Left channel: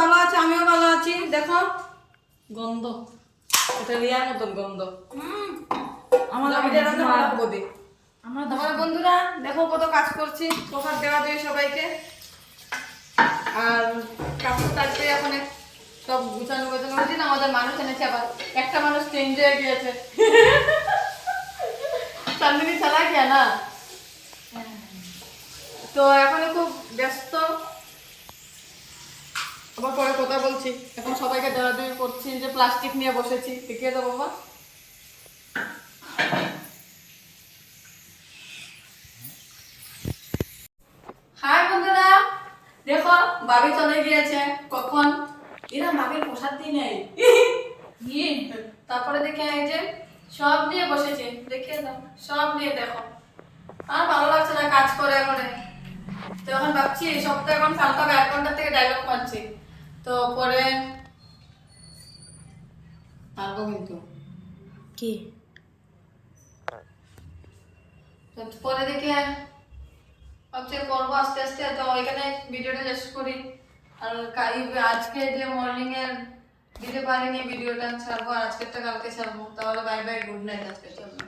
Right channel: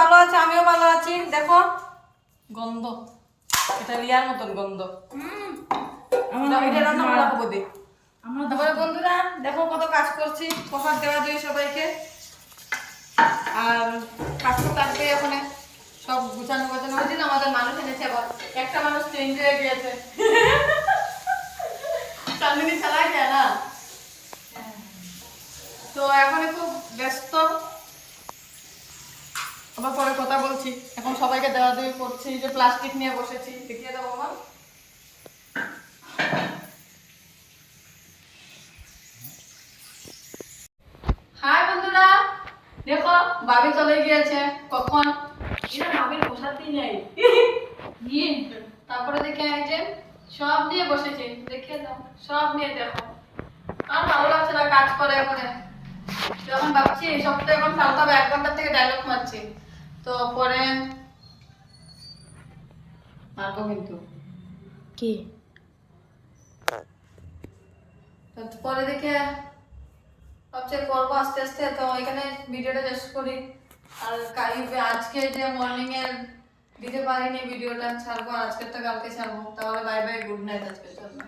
ভালো আছে, আমিও ভালো আছি। দেখো গন্ধ, এটা রিয়ার মতন গন্ধ। তারপরে বন্ধুরা দেখো কত কাজ করছি, প্রসাদ দেওয়া দিয়ে সবাইকে। আর কাজ তো থাকবে এখন, সব গুছানো গোছানো হচ্ছে না। আমাদের মানুষ এনেছে, আবার একটা মানুষ চেঞ্জ হয়ে গিয়েছে। চাঁদিনী চালা গিয়া না, তো এখন খুব ব্যস্ত। আবার পরে কথা বলছি, এখন সবাইকে দেওয়া দেওয়া করছি। যে প্লাস্টিক নিয়ে বসেছি, দেখিয়ে দেবো মা। হাই বন্ধুরা, দেখো ভাবি চলে গিয়েছে কখন। এরা ভাবির প্রসাদ দিয়ে নেই নিয়ে, তারপরে দেখে এই যে সব নিয়ে বসেছে, দেখিয়ে দাও সব নিয়ে। দেখো আর ভালো লাগছে না কাজ করে করে। তখন ভাবছি এই সপ্তাহে এখন পাল্টাবে, 1 ঘন্টা থেকে ডায়লগ মারছি, তো পরে মারবো কিন্তু কি তো পরে দেখে ভাবছি করবো আস্তে আস্তে। তো ওইখানে ভিডিওটা শেষ করি। আর আজকে যে মর্নিং এর দিতে পারিনি ভিডিওটা, ছাড়বো। আজকেরটা কালকে ছাড়বো। তাহলে বাই বাই, গুড নাইট আজকের জন্য।